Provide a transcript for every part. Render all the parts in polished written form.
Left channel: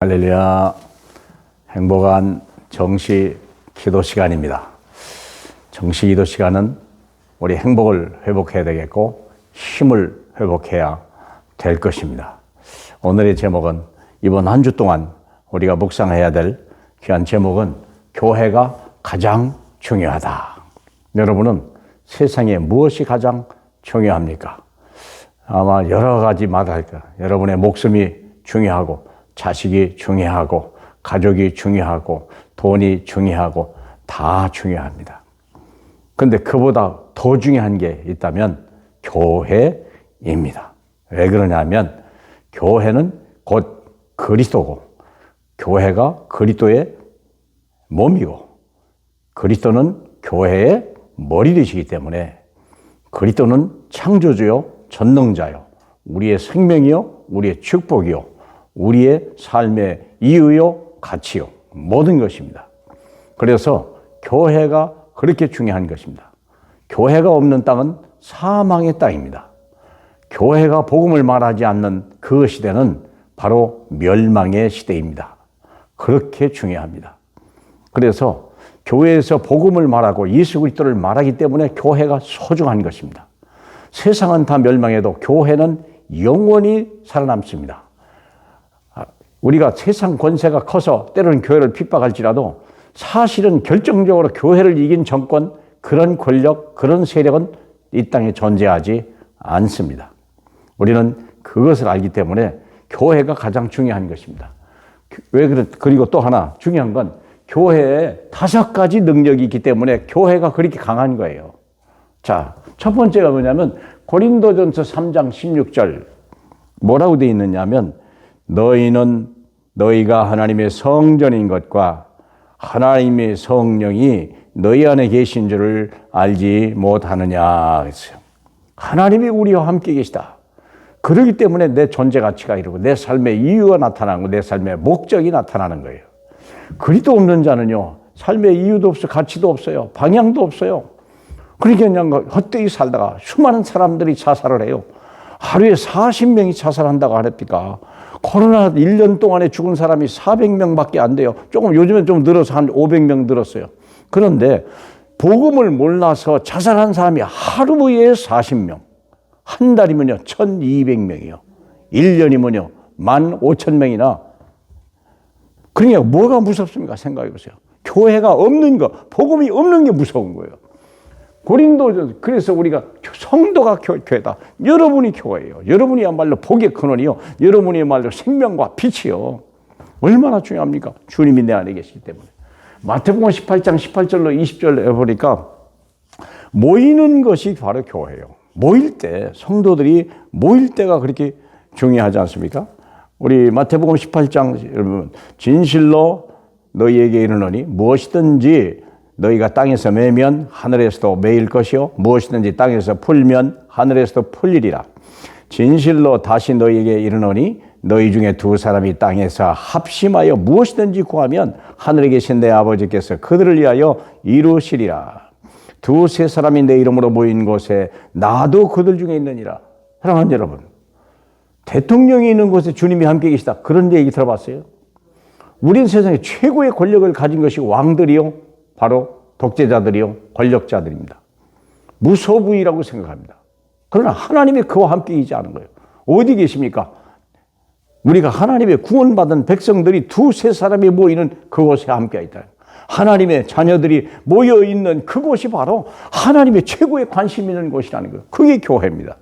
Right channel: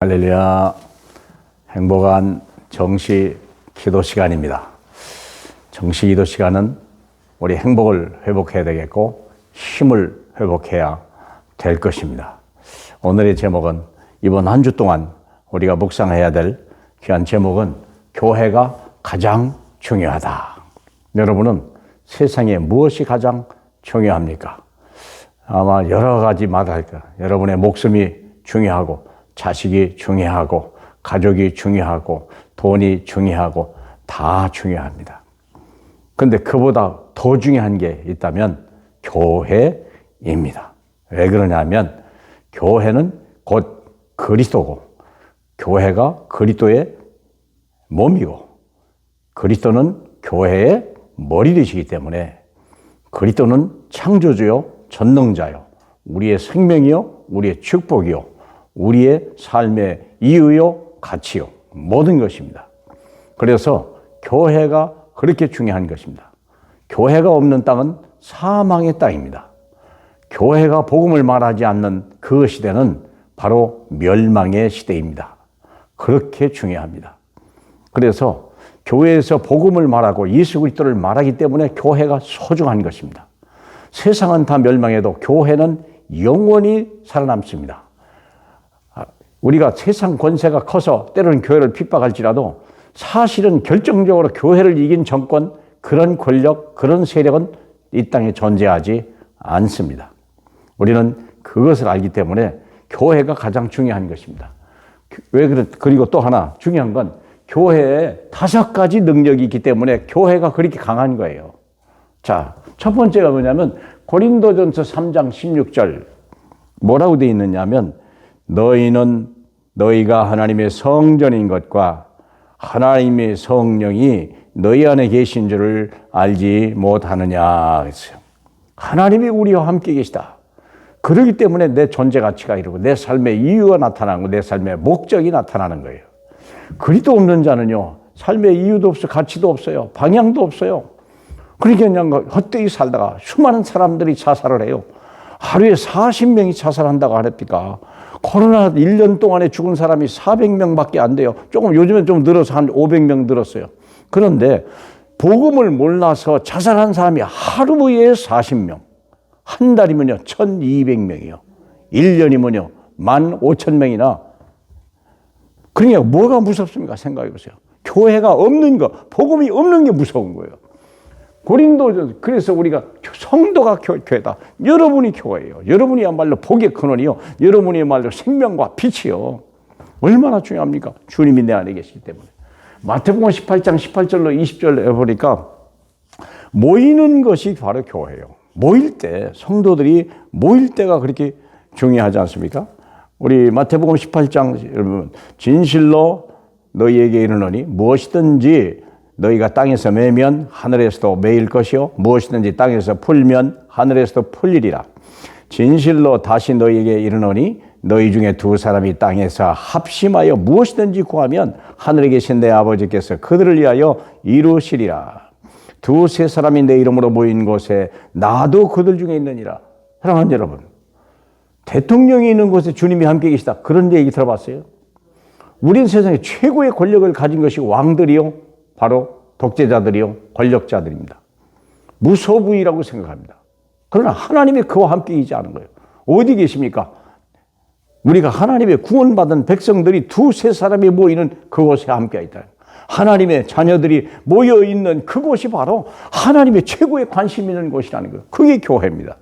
할렐루야. 행복한 정시 기도 시간입니다. 정시 기도 시간은 우리 행복을 회복해야 되겠고 힘을 회복해야 될 것입니다. 오늘의 제목은 이번 한 주 동안 우리가 묵상해야 될 귀한 제목은 교회가 가장 중요하다. 여러분은 세상에 무엇이 가장 중요합니까? 아마 여러 가지 말할 거예요. 여러분의 목숨이 중요하고 자식이 중요하고 가족이 중요하고 돈이 중요하고 다 중요합니다. 그런데 그보다 더 중요한 게 있다면 교회입니다. 왜 그러냐면 교회는 곧 그리스도고 교회가 그리스도의 몸이고 그리스도는 교회의 머리 되시기 때문에 그리스도는 창조주요 전능자요 우리의 생명이요 우리의 축복이요 우리의 삶의 이유요, 가치요, 모든 것입니다. 그래서 교회가 그렇게 중요한 것입니다. 교회가 없는 땅은 사망의 땅입니다. 교회가 복음을 말하지 않는 그 시대는 바로 멸망의 시대입니다. 그렇게 중요합니다. 그래서 교회에서 복음을 말하고 예수 그리스도를 말하기 때문에 교회가 소중한 것입니다. 세상은 다 멸망해도 교회는 영원히 살아남습니다. 우리가 세상 권세가 커서 때로는 교회를 핍박할지라도 사실은 결정적으로 교회를 이긴 정권, 그런 권력, 그런 세력은 이 땅에 존재하지 않습니다. 우리는 그것을 알기 때문에 교회가 가장 중요한 것입니다. 그리고 또 하나 중요한 건 교회에 5가지 능력이 있기 때문에 교회가 그렇게 강한 거예요. 자, 첫 번째가 뭐냐면 고린도전서 3장 16절 뭐라고 되어 있느냐면 너희는 너희가 하나님의 성전인 것과 하나님의 성령이 너희 안에 계신 줄을 알지 못하느냐 했어요. 하나님이 우리와 함께 계시다. 그렇기 때문에 내 존재 가치가 이루고 내 삶의 이유가 나타나고 내 삶의 목적이 나타나는 거예요. 그리스도 없는 자는요 삶의 이유도 없어 가치도 없어요. 방향도 없어요. 그러니까 그냥 헛되이 살다가 수많은 사람들이 자살을 해요. 하루에 40명이 자살한다고 하니까 코로나 1년 동안에 죽은 사람이 400명밖에 안 돼요. 조금 요즘엔 좀 늘어서 한 500명 늘었어요. 그런데 복음을 몰라서 자살한 사람이 하루에 40명, 한 달이면요 1200명이요. 1년이면요 15,000명이나. 그러니까 뭐가 무섭습니까? 생각해 보세요. 교회가 없는 거, 복음이 없는 게 무서운 거예요. 고린도 그래서 우리가 성도가 교회다. 여러분이 교회예요. 여러분이야말로 복의 근원이요. 여러분이야말로 생명과 빛이요. 얼마나 중요합니까? 주님이 내 안에 계시기 때문에. 마태복음 18장 18절로 20절에 보니까 모이는 것이 바로 교회예요. 모일 때 성도들이 모일 때가 그렇게 중요하지 않습니까? 우리 마태복음 18장 여러분 진실로 너희에게 이르노니 무엇이든지 너희가 땅에서 매면 하늘에서도 매일 것이요 무엇이든지 땅에서 풀면 하늘에서도 풀리리라. 진실로 다시 너희에게 이르노니 너희 중에 2사람이 땅에서 합심하여 무엇이든지 구하면 하늘에 계신 내 아버지께서 그들을 위하여 이루시리라. 2-3사람이 내 이름으로 모인 곳에 나도 그들 중에 있느니라. 사랑하는 여러분, 대통령이 있는 곳에 주님이 함께 계시다. 그런 얘기 들어봤어요? 우린 세상에 최고의 권력을 가진 것이 왕들이요 바로 독재자들이요 권력자들입니다. 무소부위라고 생각합니다. 그러나 하나님이 그와 함께 있지 않은 거예요. 어디 계십니까? 우리가 하나님의 구원받은 백성들이 2-3사람이 모이는 그곳에 함께 있다. 하나님의 자녀들이 모여있는 그곳이 바로 하나님의 최고의 관심 있는 곳이라는 거예요. 그게 교회입니다.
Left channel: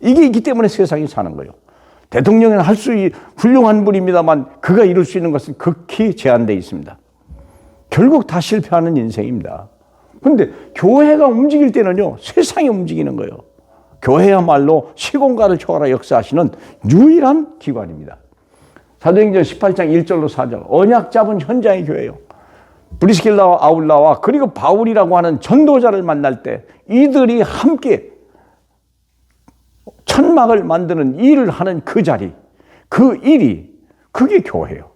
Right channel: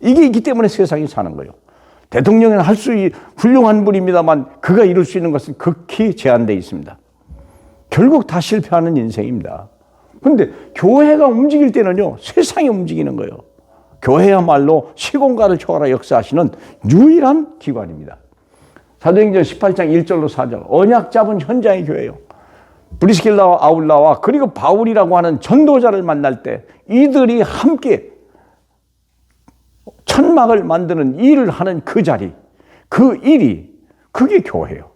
이게 있기 때문에 세상이 사는 거예요. 대통령은 할 수 훌륭한 분입니다만 그가 이룰 수 있는 것은 극히 제한되어 있습니다. 결국 다 실패하는 인생입니다. 그런데 교회가 움직일 때는요 세상이 움직이는 거예요. 교회야말로 시공간을 초월하 역사하시는 유일한 기관입니다. 사도행전 18장 1절로 4절 언약 잡은 현장의 교회예요. 브리스길라와 아울라와 그리고 바울이라고 하는 전도자를 만날 때 이들이 함께 천막을 만드는 일을 하는 그 자리, 그 일이 그게 교회예요.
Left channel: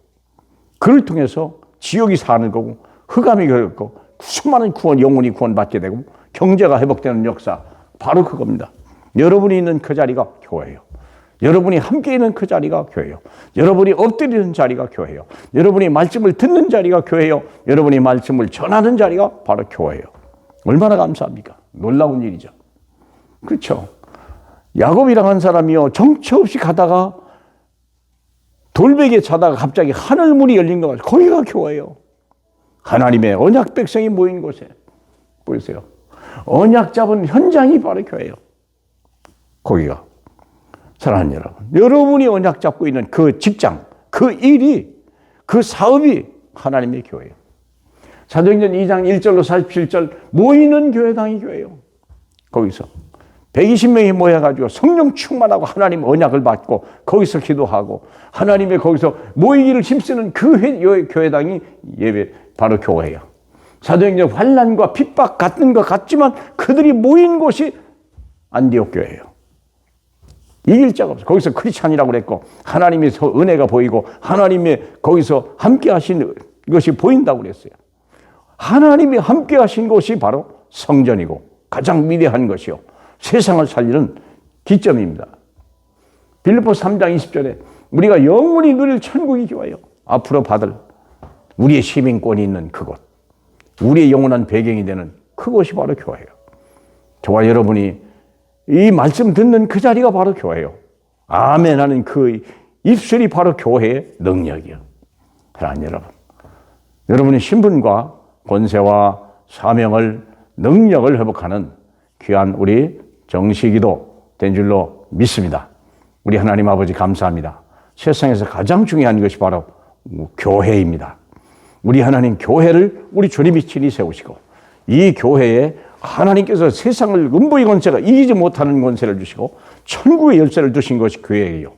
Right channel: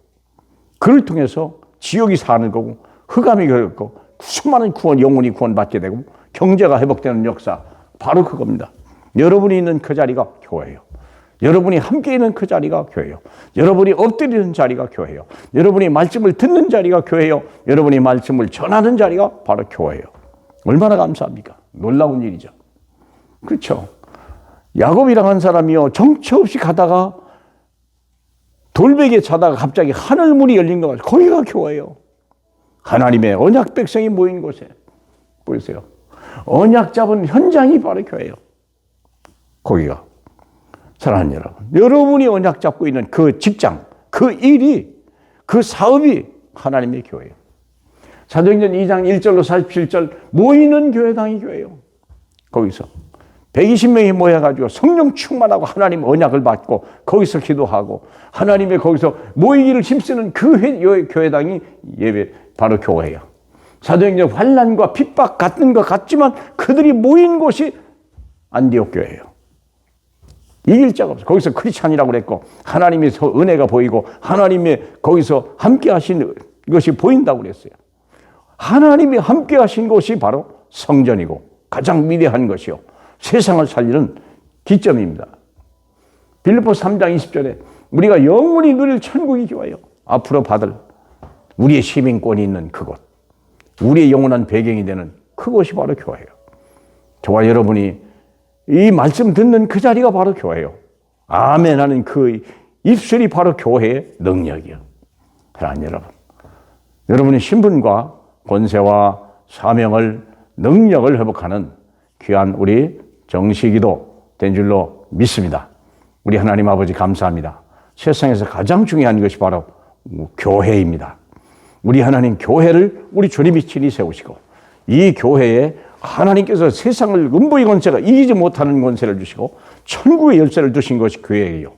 그를 통해서 지옥이 사는 거고 흑암이 걸고 수많은 영혼이 구원받게 되고 경제가 회복되는 역사 바로 그겁니다. 여러분이 있는 그 자리가 교회예요. 여러분이 함께 있는 그 자리가 교회예요. 여러분이 엎드리는 자리가 교회예요. 여러분이 말씀을 듣는 자리가 교회예요. 여러분이 말씀을 전하는 자리가 바로 교회예요. 얼마나 감사합니까? 놀라운 일이죠. 그렇죠. 야곱이랑 한 사람이요, 정처 없이 가다가 돌베개에 자다가 갑자기 하늘문이 열린 것 같아요. 거기가 교회예요. 하나님의 언약 백성이 모인 곳에 보세요. 언약 잡은 현장이 바로 교회예요. 거기가. 사랑하는 여러분, 여러분이 언약 잡고 있는 그 직장, 그 일이, 그 사업이 하나님의 교회예요. 사도행전 2장 1절로 47절 모이는 교회당이 교회예요. 거기서 120명이 모여가지고 성령 충만하고 하나님 언약을 받고 거기서 기도하고 하나님의 거기서 모이기를 힘쓰는 그 교회당이 예배 바로 교회예요. 사도행전 환난과 핍박 같은 것 같지만 그들이 모인 곳이 안디옥 교회예요. 이길 자가 없어. 거기서 크리스찬이라고 그랬고 하나님의 은혜가 보이고 하나님의 거기서 함께 하신 것이 보인다고 그랬어요. 하나님이 함께 하신 곳이 바로 성전이고 가장 위대한 것이요, 세상을 살리는 기점입니다. 빌립보 3장 20절에 우리가 영원히 누릴 천국이 교회예요. 앞으로 받을 우리의 시민권이 있는 그곳, 우리의 영원한 배경이 되는 그곳이 바로 교회예요. 저와 여러분이 이 말씀 듣는 그 자리가 바로 교회예요. 아멘 하는 그 입술이 바로 교회의 능력이에요. 사랑하는 여러분, 여러분의 신분과 권세와 사명을, 능력을 회복하는 귀한 우리 정식이도 된 줄로 믿습니다. 우리 하나님 아버지 감사합니다. 세상에서 가장 중요한 것이 바로 교회입니다. 우리 하나님 교회를 우리 주님이 친히 세우시고 이 교회에 하나님께서 세상을 음부의 권세가 이기지 못하는 권세를 주시고 천국의 열쇠를 주신 것이 교회예요.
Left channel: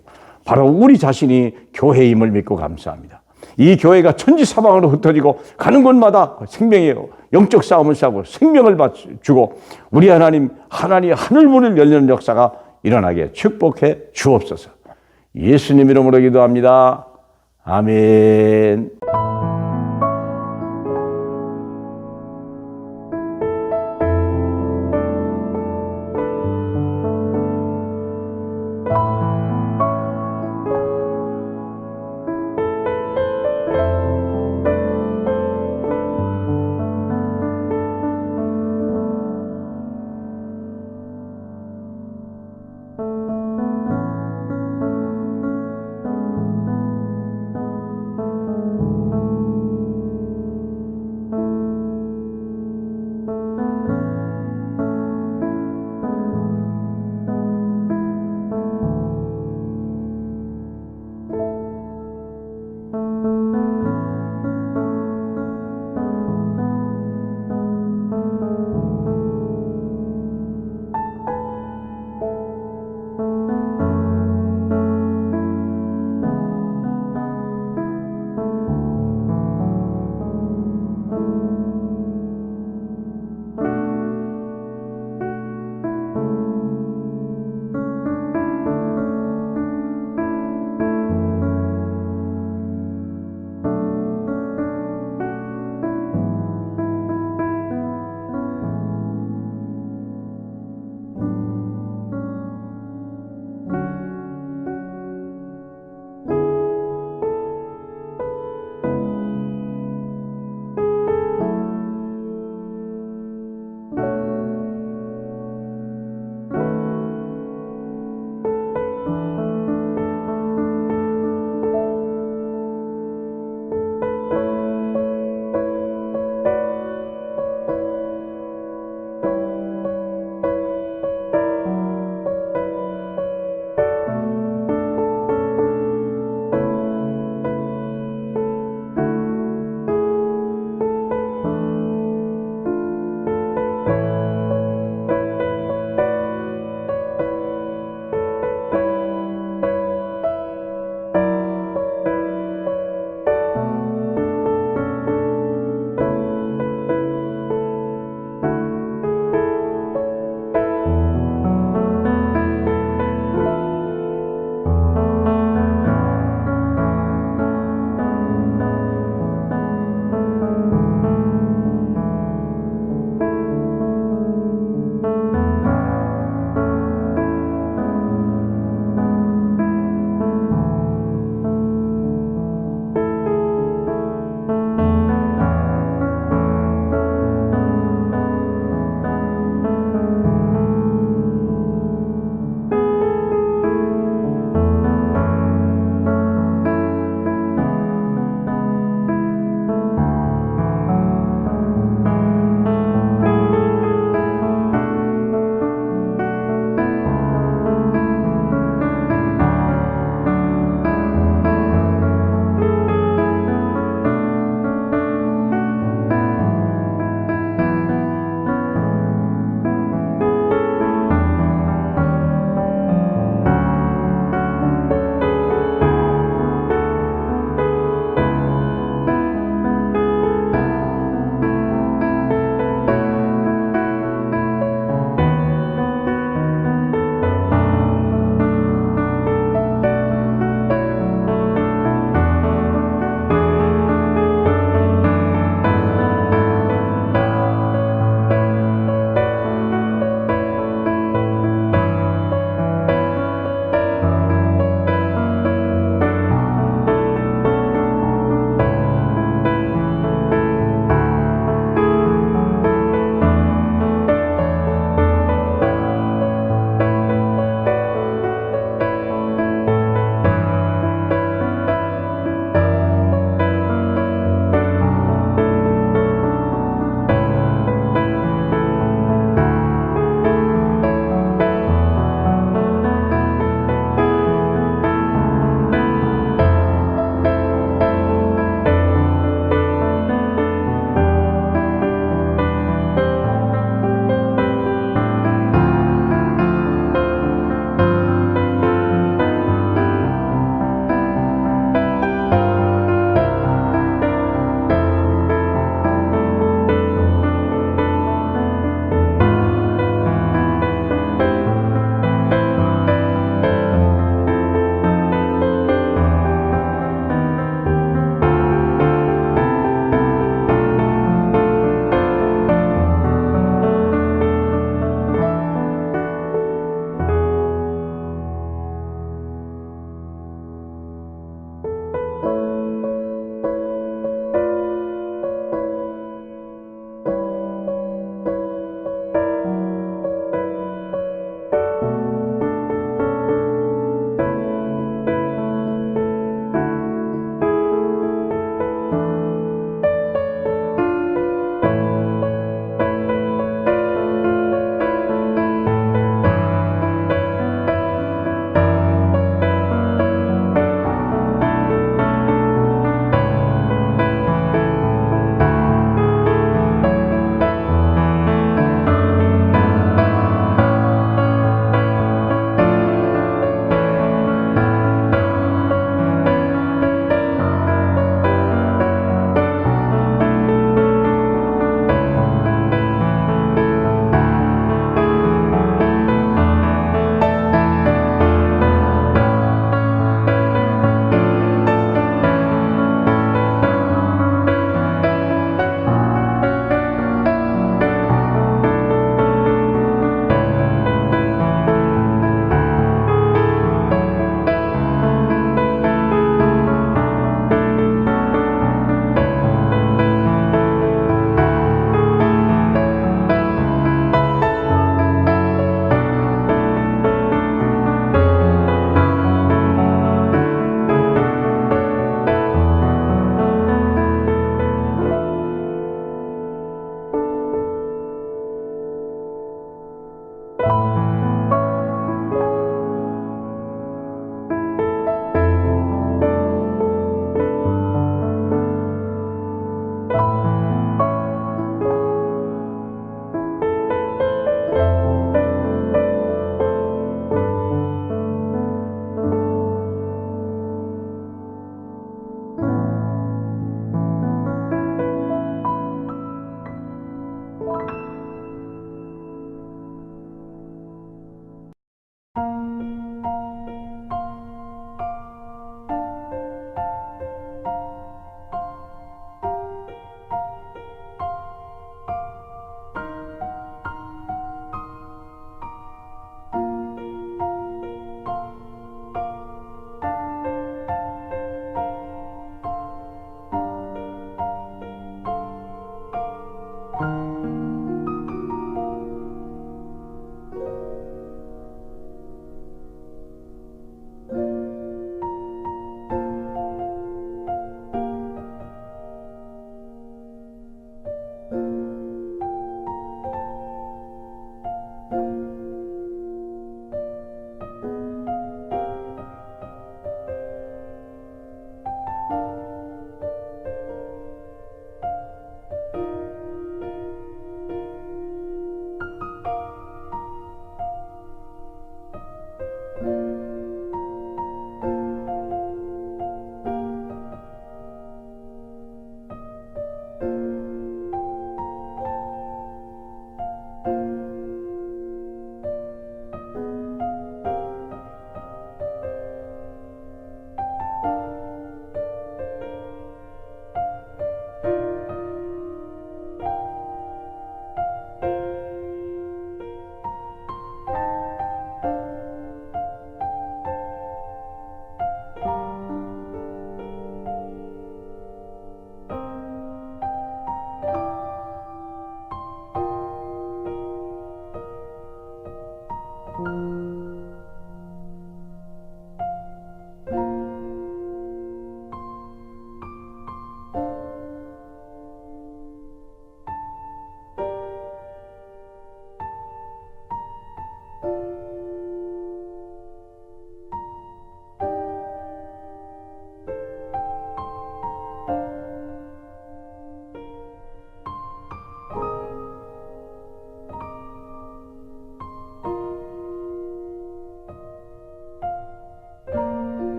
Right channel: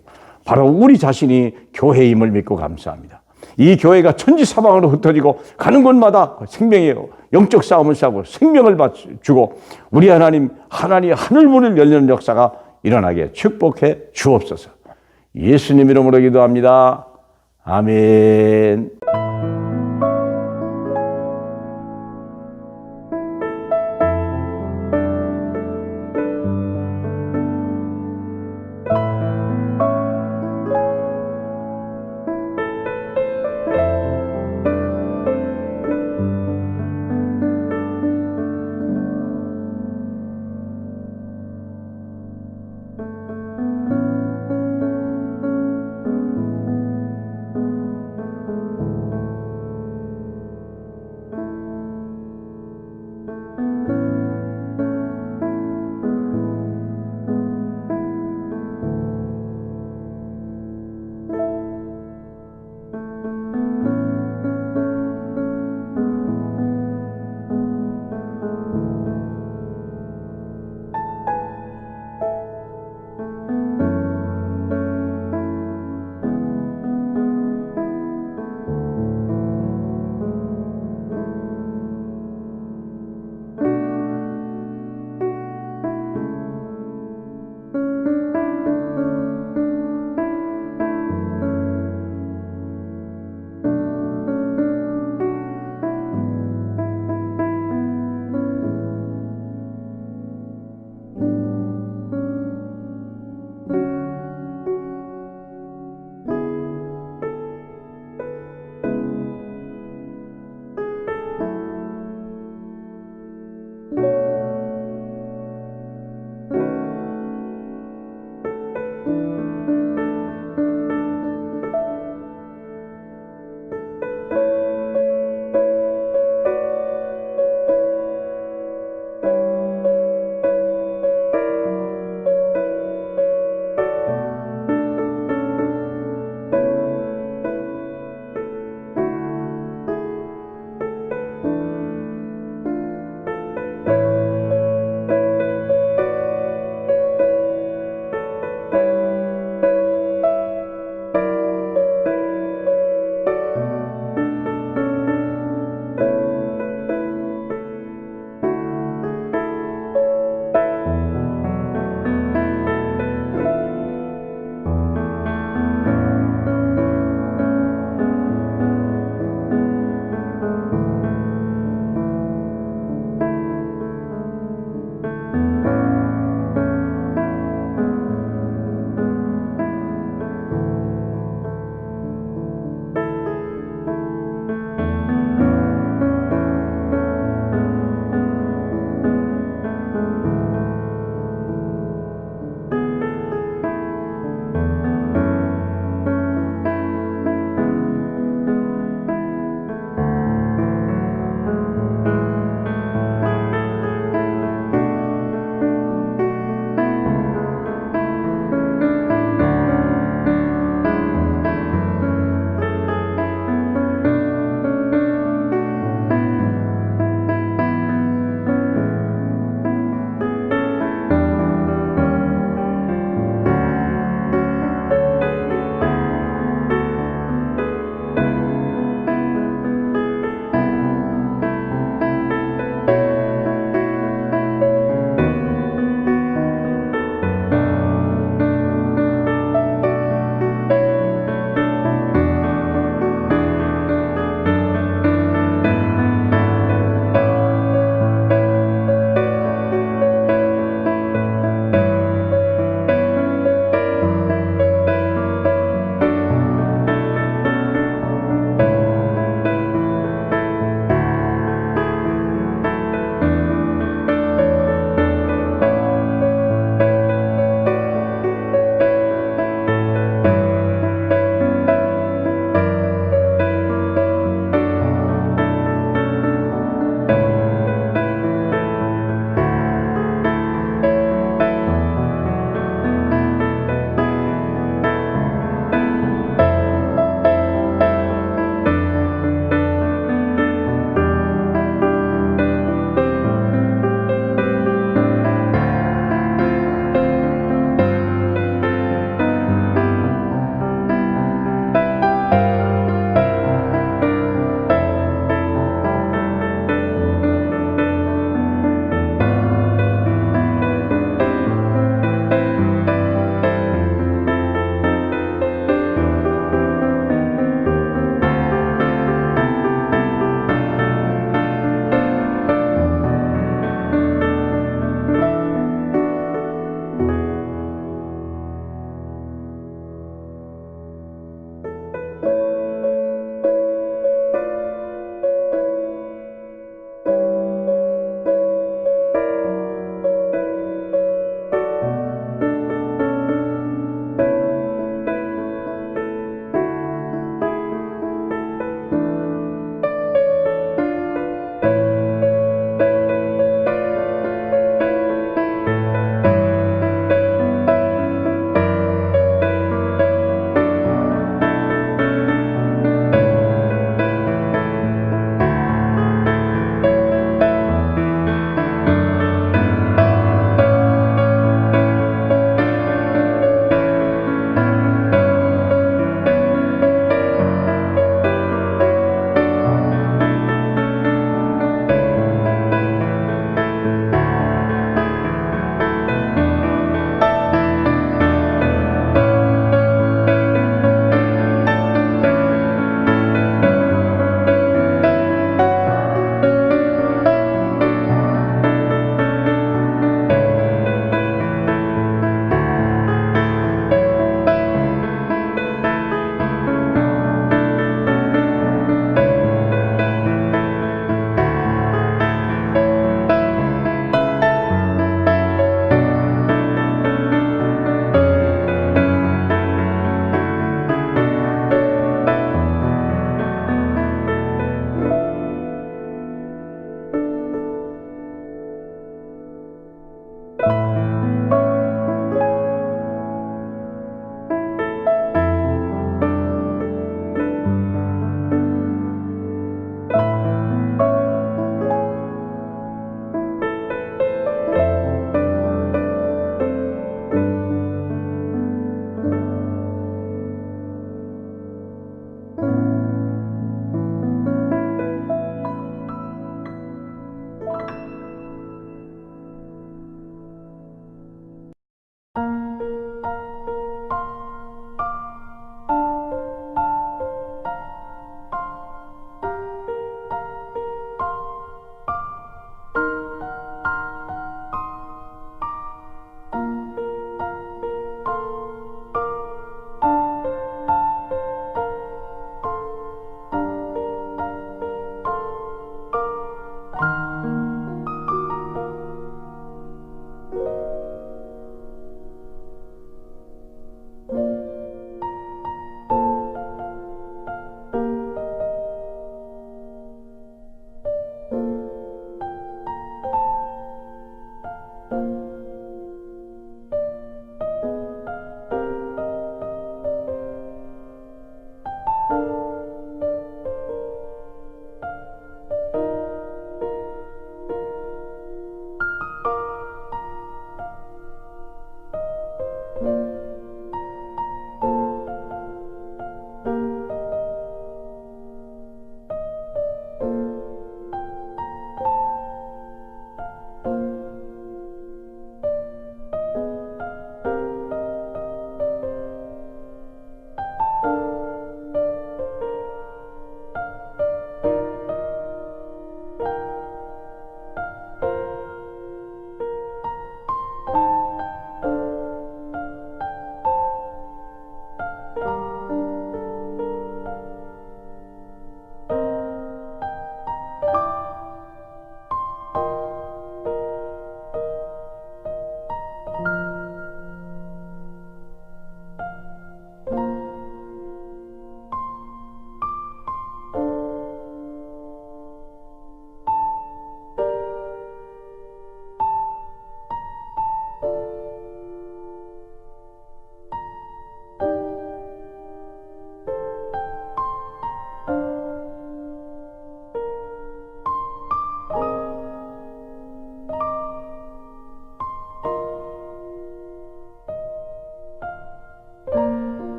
바로 우리 자신이 교회임을 믿고 감사합니다. 이 교회가 천지사방으로 흩어지고 가는 곳마다 생명의 영적 싸움을 싸고 생명을 주고 우리 하나님 하늘문을 열리는 역사가 일어나게 축복해 주옵소서. 예수님 이름으로 기도합니다. 아멘.